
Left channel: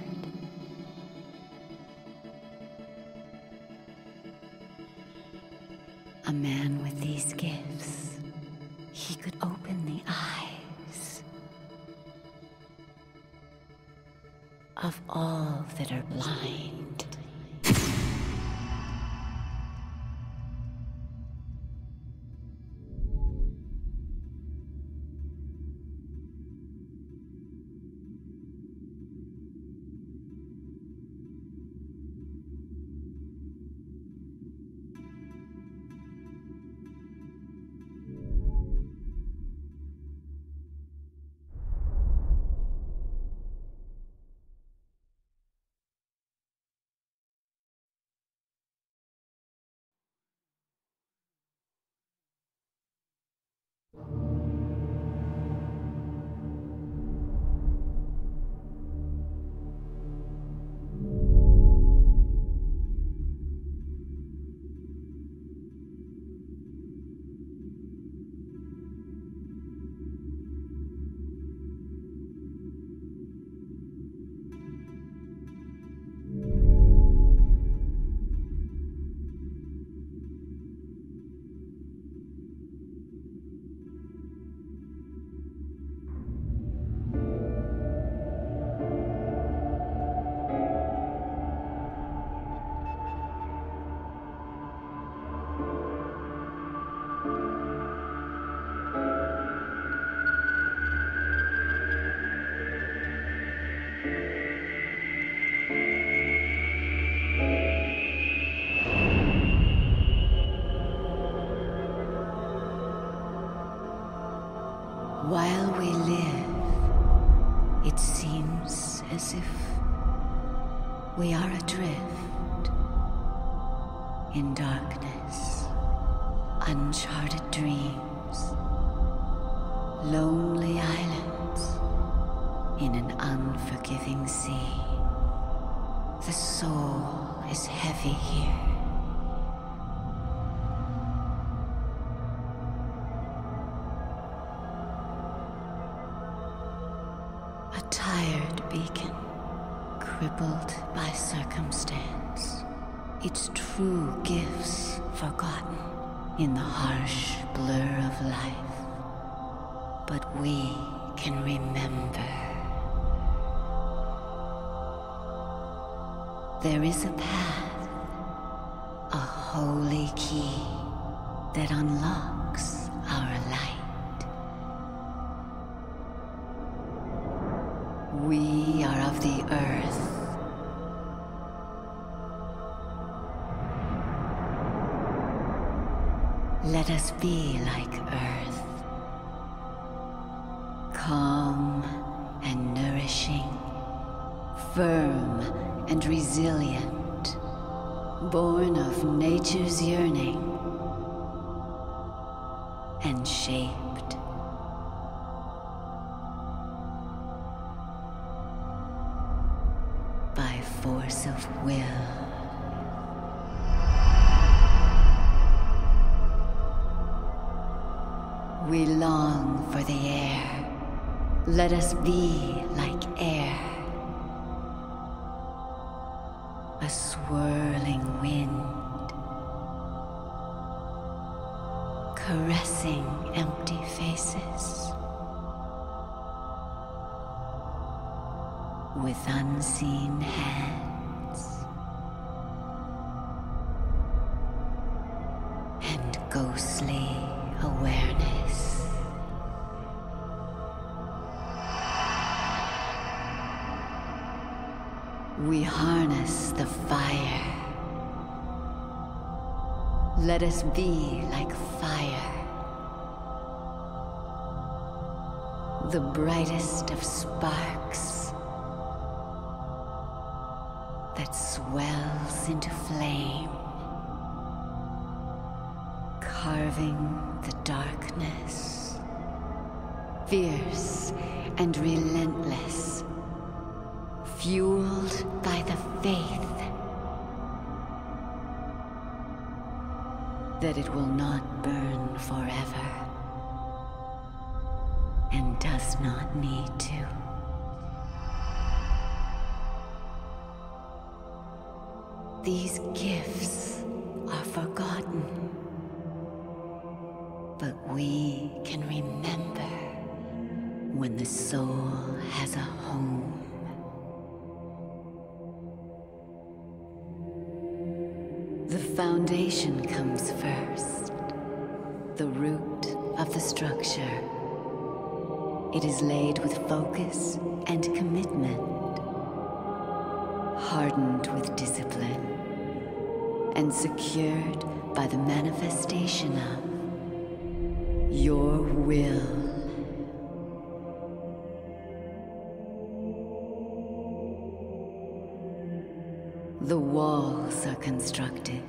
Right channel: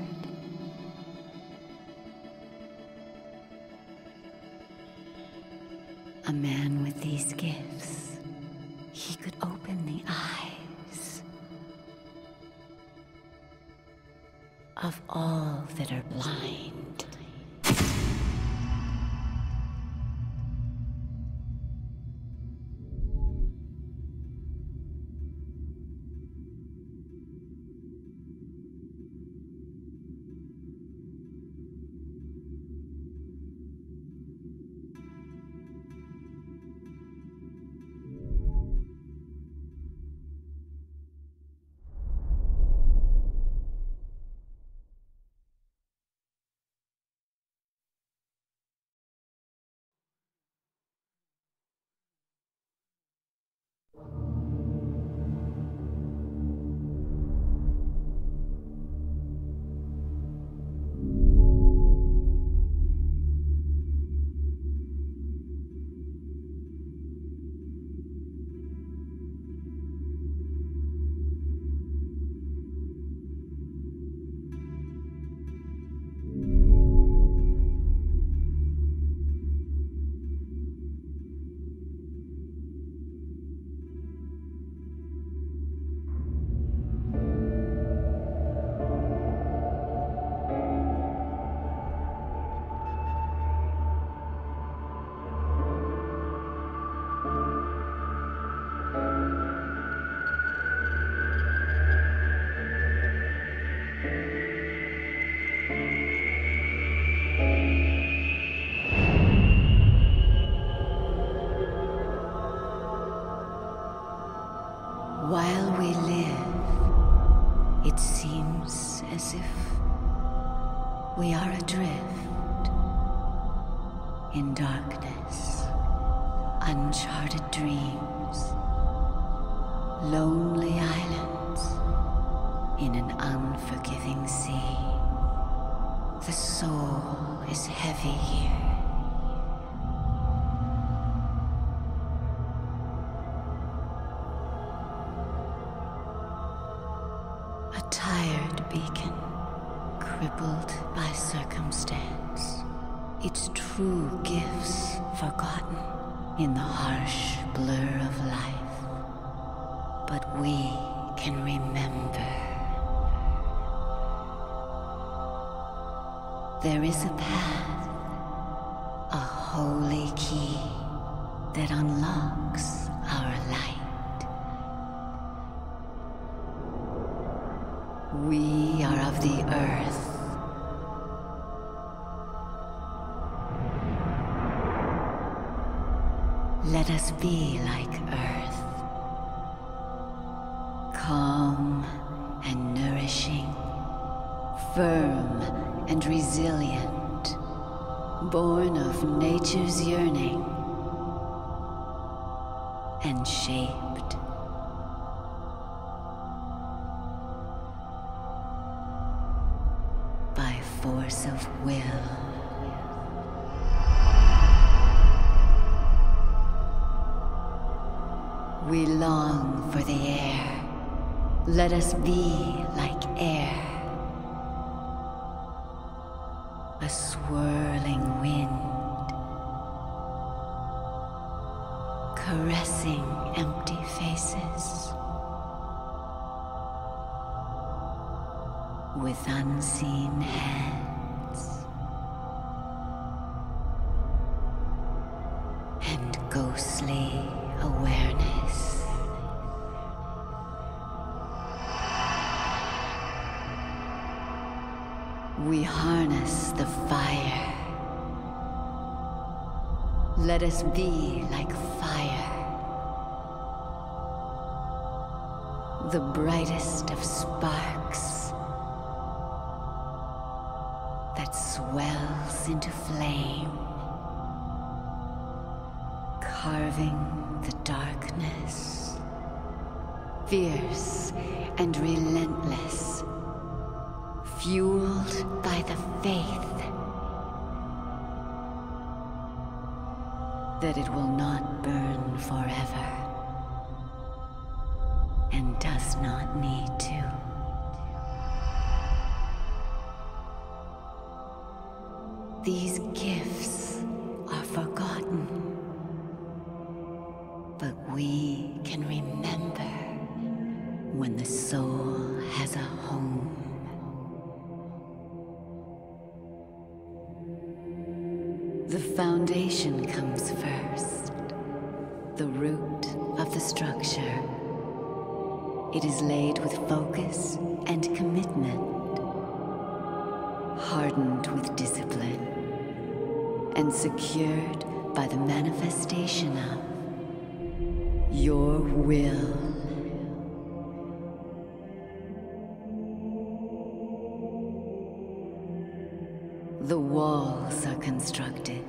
A man with these gifts, he could open the eyes of all that are blind. While we live, it seems as if we are adrift in darkness, uncharted dreams, lonely islands in an unforgiving sea. The soul is heavy here. A tired beacon, crippled by circumstance, its true gifts forgotten in the harsh blur of life. But we can remember. There is a path, a holy key that unlocks our light. We are of the earth. Let us be like earth, calm and nourishing, firm and resilient, born of nature's yearning, and shaped by force of will. We long for the air. Let us be like air. A swirling wind, caressing empty faces with unseen hands and ghostly awareness. We harness the fire. Let us be like fire, the brightest of sparks that swells into flame, carving the darkness, fierce and relentless, fueled by the faith that it will not burn forever and does not need to. These gifts are forgotten, but we can remember when the soul has a home. The foundation comes first, the root of the structure. It is laid with focus and commitment, hardened with discipline, and secured by the manifestation of your will. The walls are constructed,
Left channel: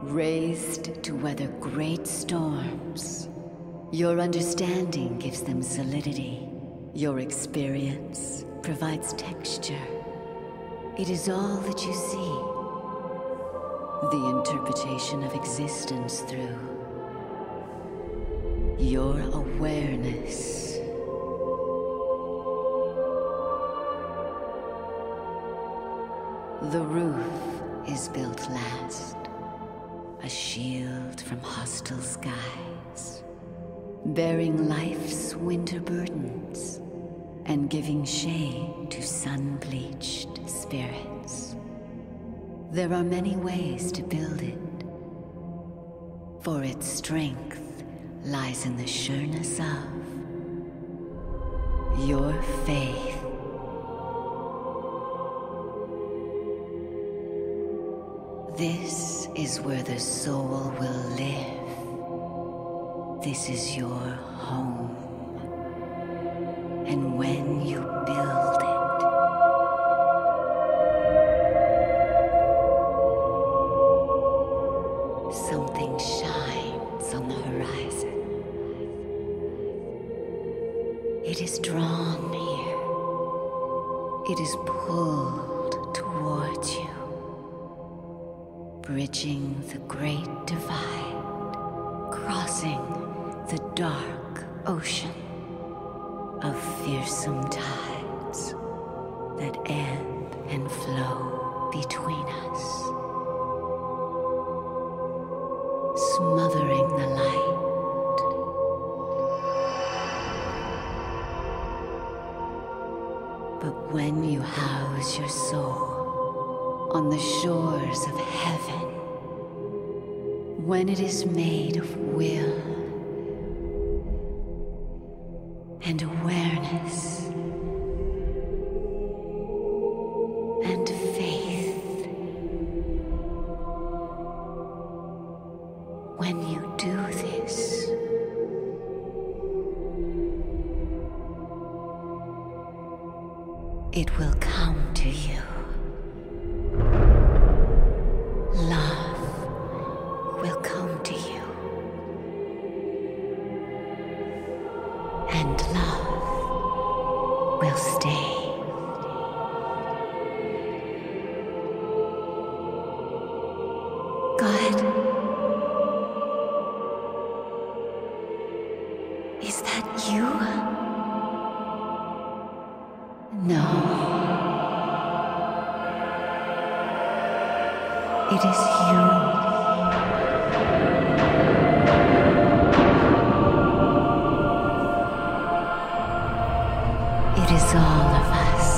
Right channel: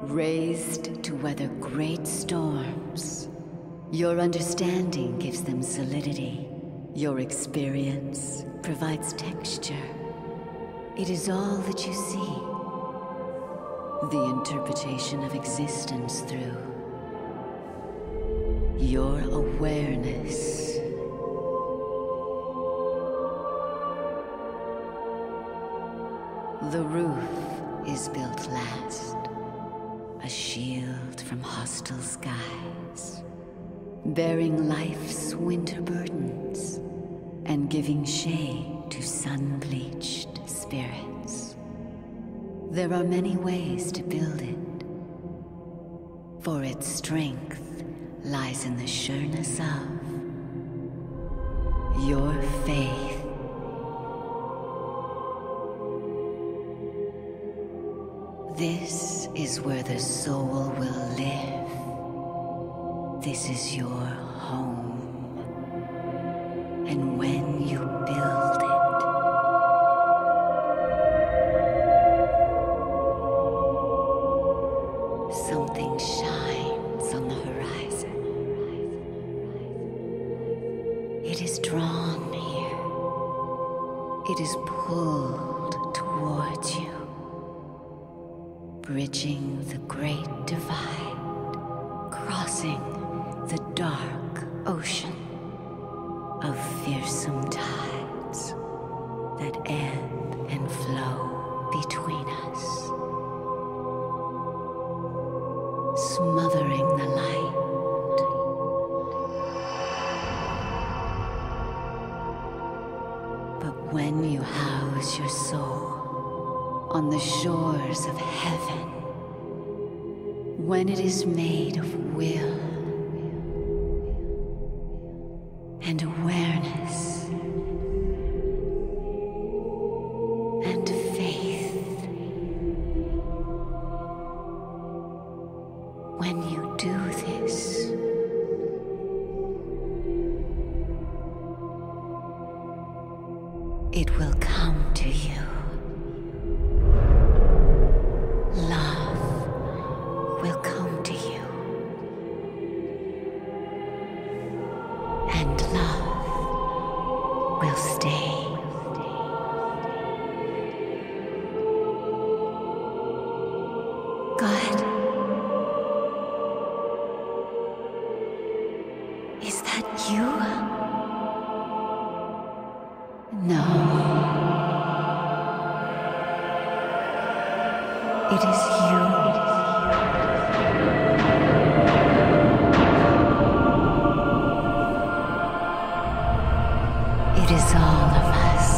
raised to weather great storms. Your understanding gives them solidity. Your experience provides texture. It is all that you see. The interpretation of existence through your awareness. The roof is built last, a shield from hostile skies, bearing life's winter burdens and giving shade to sun-bleached spirits. There are many ways to build it, for its strength lies in the sureness of your faith. This is where the soul will live. This is your home. And when you build it, something shines on the horizon. It is drawn here. It is pulled towards you, bridging the great divide, crossing the dark ocean of fearsome tides that ebb and flow between us, smothering the light. But when you house your soul on the shores of heaven, when it is made of will and awareness and faith. When you do this, it will come to you. Love will come to you. And love will stay. God, is that you? No. It is you. It is all of us.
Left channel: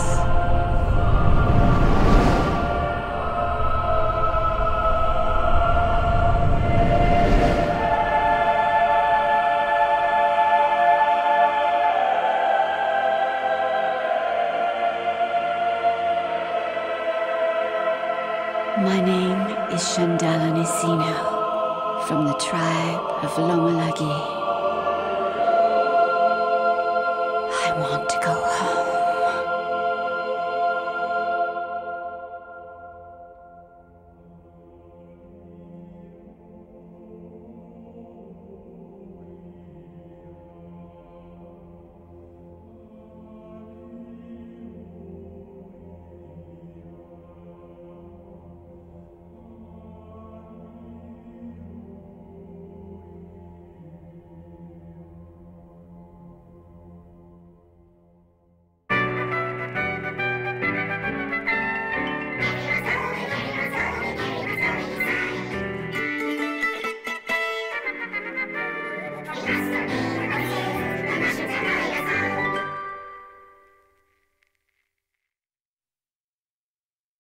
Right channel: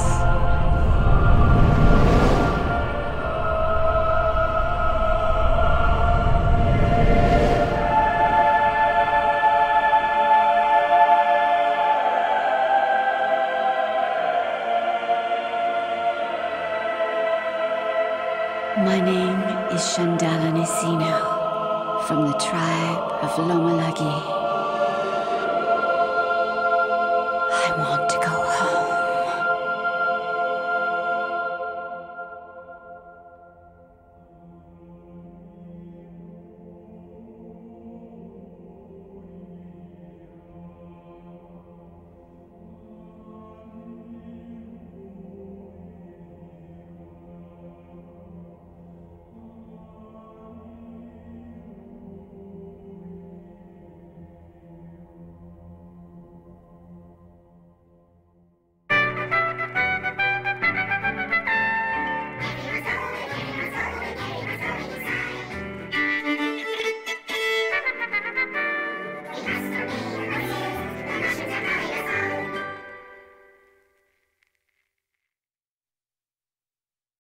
My name is Shandala Nisino, from the tribe of Lomalagi. I want to go home.